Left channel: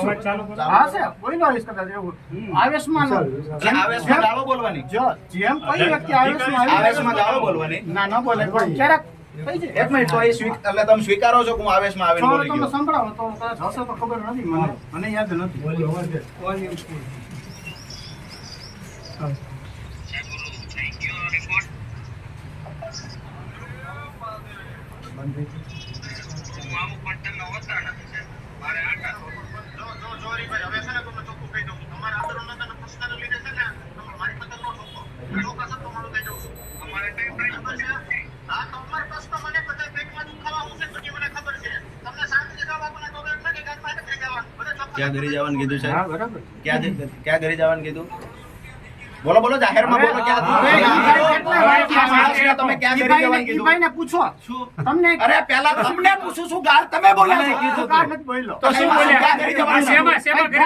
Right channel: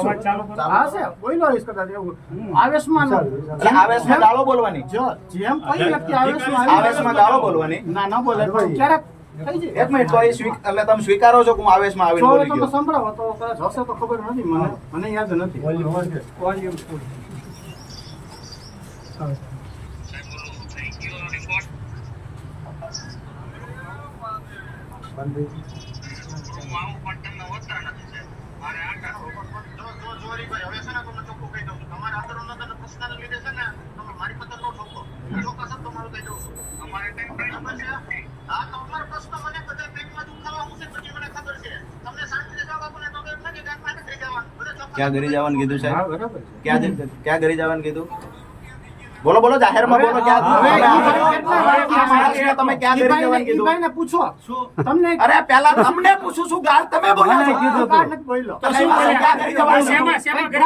હા છે બોલો કદાચ એવું આવેશમાં ગાળો બોલવાની જેમ કોઈ વ્યક્તિ આવેશમાં ગાળો બોલવાની ના બોલે પણ ક્યારેક થઈ જાય. એક મિનિટ તો એટલે તમે સ્વીકારો છો કે હું આવેશમાં આવીને બોલી તમે ગયો? સંભળાવો તો કદાચ હશે તો ખબર નથી મને યાદ નથી. ક્યાં ઘરે જવાનું કીધું હા સાહેબ? બરાબર ક્યાં ઘરે જવાનું કીધું? બોલો જાહેરમાં બોલો. ક્યાં તમે ક્યાં ઘરે જવાનું કીધું? ભાઈને પૂછો તમને અરે પહેલા તમને પૂછું છું, ગાળ તમે બોલ્યા છો. ગાળ નથી બોલ્યો. તો શું બોલ્યા? ક્યાં ઘરે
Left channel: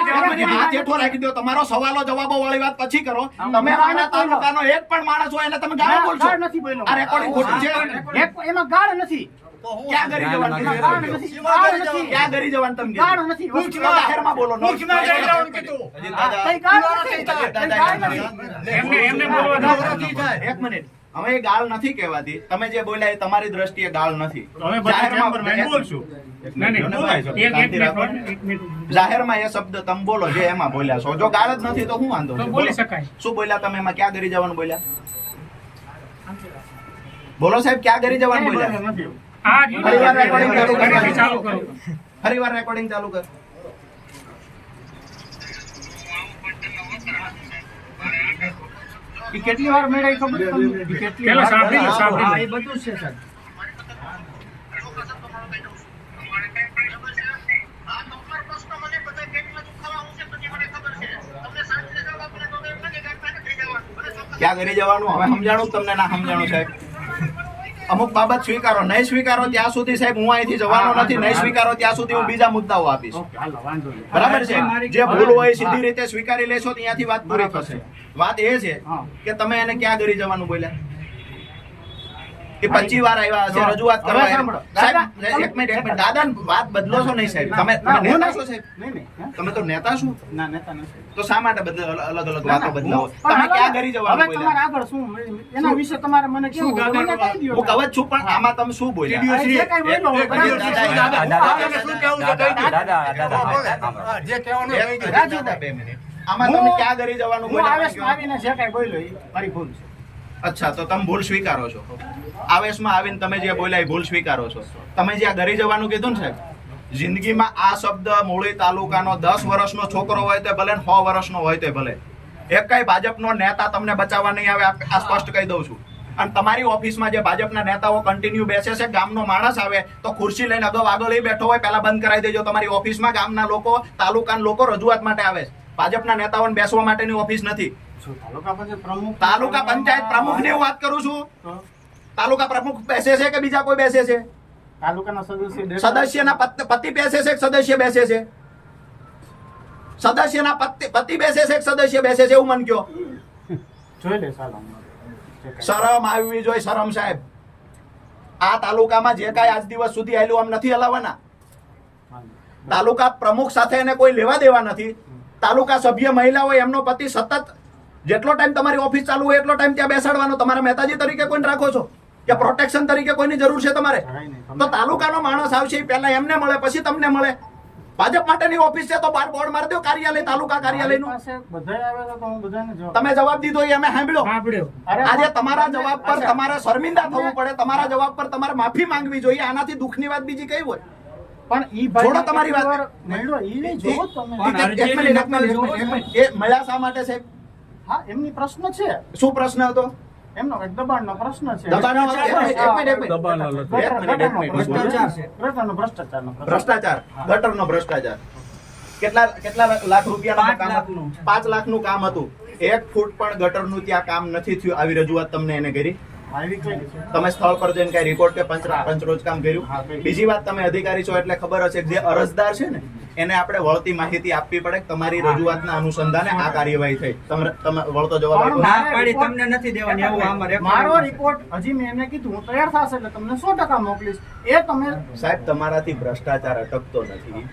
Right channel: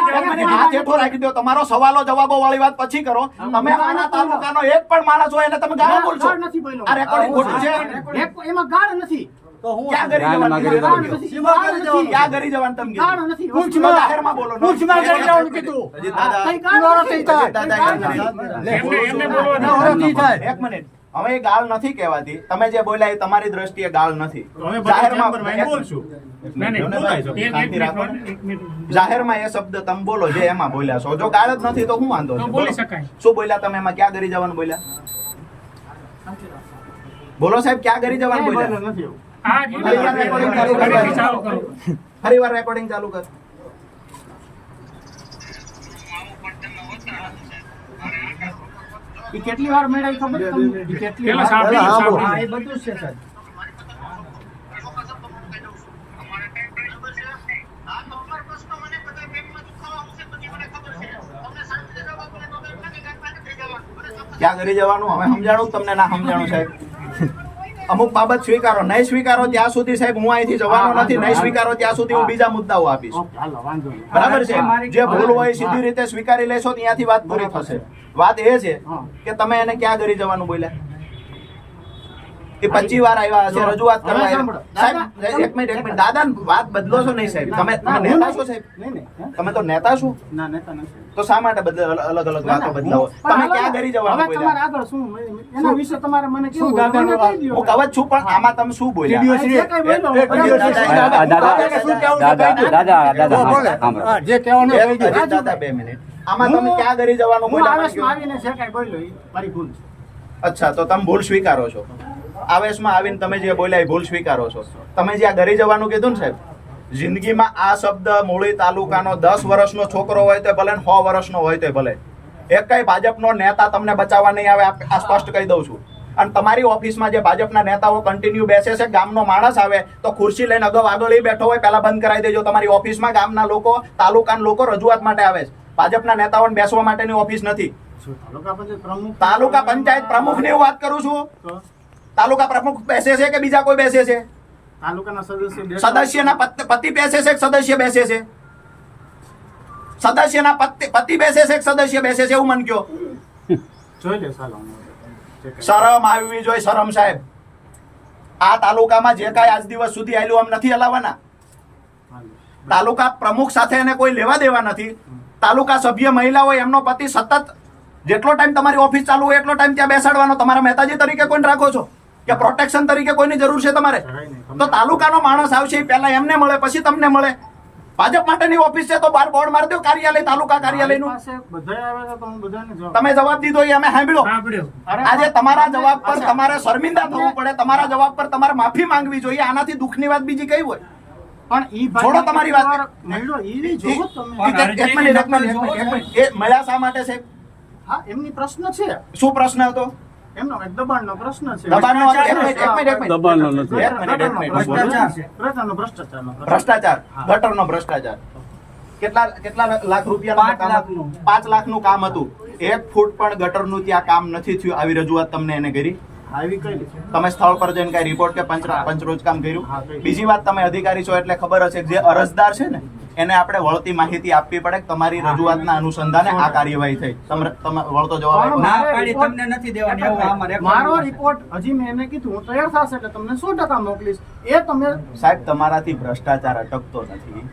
જવાનું? હાથ હેઠો રાખી દો. તમારો સવાલો જવાબો વાળી વાત પછી કરો. તમે આના તાલુકાનો એક પણ માણસ હોય એને તમે ગાળ બોલશો. ગાળ નથી બોલ્યો. આ રેકોર્ડિંગ ખોટું છે. એમાં ગાળ નથી. ક્યાં ઘરે જવાનું કીધું? ગાળ નથી. ગાળ નથી. ક્યાં ઘરે જવાનું તમે ગાળ કીધું? નથી. તો જાહેરમાં બોલો. કઈ ગાળ નથી. ગાળ નથી. એક મિનિટ, હવે એ ગાળ નથી કહેવાતી. તમે જે બોલ્યા એ તમારી દ્રષ્ટિએ ગાળ નથી. જાહેરમાં એ શબ્દ તમે બોલો જે એમાં બોલ્યા છો. જો ગાળ જ નથી તો હું વાંધો છે? શું બોલ્યા તમે એમાં? ક્યાં ઘરે જવાનું બોલ્યા? બોલો સાહેબ, ક્યાં ઘરે જવાનું બોલ્યા? ફરી વાર રેકોર્ડિંગ ચાલુ કર. ઈ કેટલી વાર મેળાઈ ખબર તમને? ઈ કેટલી વાર સાંભળી. એ બધું છે સર. ક્યાં ઘરે જવાનું હવે સમજાણું તમને? ના સમજાણું સાહેબ? અમુક બાબત સ્વીકારો. નહીં સ્વીકારો ત્યાં સુધી સાહેબ હું અહીંથી જવાનો નથી. નહીં સ્વીકારો ત્યાં સુધી હું બીજા મુદ્દાઓ આપીશ. હાલો વાંધો નહીં. બરાબર છે? જે ભૂલ હોય સીધી રીતે સ્વીકારી લેશો ત્યાંથી વાત પૂરી થશે. વાત એ છે કે તમે એને ક્યાં ઘરે જવાનું બોલ્યા? કે 25 વાર આવ્યા હશે, રજૂઆત કરવા સાહેબ. એક મિનિટ, દાદા વાત બદલો છો નહીં સાહેબ? તમે નેતા છો સાહેબ? તમે તો નેતા છો. ના નેતા નથી. તો શા માટે અલગ અલગ વાતો બદલાવો? તમે ક્યાં ઘરે જવાનું હવે તમારે બોલ્યા? આગળ શું એના વિશે તમારે મને કેવું મને કહી દો. હું કવચ છું પણ આમાં તમે શું બોલ્યા? જે કઈ બોલ્યો જે કહેવાનું કહી દો. દાદા, 2 મિનિટ. આમાં તમે ક્યાં ઘરે જવાનું હું બોલ્યા? આવેશમાં આવીને જે કઈ બોલ્યો એ મારી ભૂલ છે. અચ્છા, તો તમે ભૂલ સ્વીકારો છો? આવેશમાં આવીને તમે જે બોલ્યા એ ભૂલ સ્વીકારો છો? તમે જ્યાં ઘરે જવાનું કીધું ને સાહેબ, જિંદગીમાં આ શબ્દ મૂળી તાલુકાનો 10 વર્ષનો છોકરો હોય તો ભલે 100 વર્ષનો હોય તો ભલે, એક કઈ ભાજપનો નેતા તમને બચાવવા નહીં આવે. આ સ્પષ્ટ કહી દઉં છું. અને તમારી ઓફિસમાં જે ભાજપના નેતાઓ કન્ટિન્યુ બેસે છે, ગામનો માણસ આવે તો ખુરશી લઈને આગળ એ બેઠો હોય પહેલા બંધ કરાવી દેજો. તમારી ઓફિસમાં ગામના લોકો, તાલુકાના લોકો રજૂઆત માટે આવે છે. ભાજપના નેતાઓને બેસવા માટેની ઓફિસ નથી. તાલુકા પંચાયત પ્રમુખ ની વાત કરું છું. તાલુકા પ્રમુખ બેસે છે કે બીજા કોઈ બેસે છે? તાલુકાના સદસ્યના પતિ બેસે છે કે સદસ્ય બેસે છે? સદસ્યના પતિ બેસે છે કે સદસ્ય બેસે છે? એવું મન કયો. જોઈ લે ચાલો. શરમ આવવી જોઈએ. શરમ સાહેબ. આ તાલુકામાં જે કાંઈ આજ દિવસ સુધી આવેલું આમ નથી હલાવવાના. તાલુકા પ્રમુખ સાથે એને કોઈ લેવા દેવા નથી. તાલુકા સભ્ય મહિલા હોય એમનો પતિ સતત જેટલો ટાઈમ તમારી ઓફિસ ચાલુ હોય એટલો ટાઈમ ત્યાં બેસાડવાનો. તમારા મહેતાજી તરીકે કોઈને રાખો છો કે પ્રોટેક્શન તરીકે કોઈની જરૂર છે તમારે? તો તાલુકાનો માણસ આવશે પહેલા એમને મળે પછી તમને મળે. ભાજપ માટેની ઓફિસ છે તો બાર બોર્ડ મારી દો કાર્યાલય, તાલુકા કાર્યાલયનું. તમે જવાબ દીધો એ અમે સાંભળ્યો. આજે તમારા જવાબ પર તમારે શર્મિંદા થવું પડે. તમારા જવાબ પર તમારે માફી માંગવી જોઈએ. આનાથી દુઃખની વાત બીજી કઈ હોય? પણ ઈ ભાઈ છોડો તમારી વાત. મેળો ઈ નહીં જોવો તમે. એક મિનિટ. એ મળ્યા શા માટે સાહેબ? હા એમની પ્રશ્ન છે. શું પ્રશ્ન હતો એમનો? દબાણનો પ્રશ્ન છે. ભ્રષ્ટાચાર, ગટરનો ભ્રષ્ટાચાર. કેટલા લાખ રૂપિયા? 5 લાખનું કામ હતું. 1 ફૂટ પણ ગટરનું ત્યાં કામ નથી થયું. આવી રજૂઆત તમને એને કરી? આવી કઈ તમે સ્થળ પર જઈને કઈ રિપોર્ટ કે પંચરોજ કામ કર્યું? બીજી વાત, તમે અધિકારી છો એટલે ખબર હશે કે જે અરજદાર છે ને એને આપણે વળતી માહિતી આપવી પડે કે તમારી રજૂઆતના અનુસંધાને આ કાર્યવાહી થઈ. તમે વળતો જવાબ તમને નથી દેવાની. મારો રિપોર્ટ હજી મેં એને કીધું હું તૈયાર થશે એટલે તમને 100% મોકલીશ. એ તમે સાહેબ તમારાથી ભ્રષ્ટાચાર અટકતો નથી.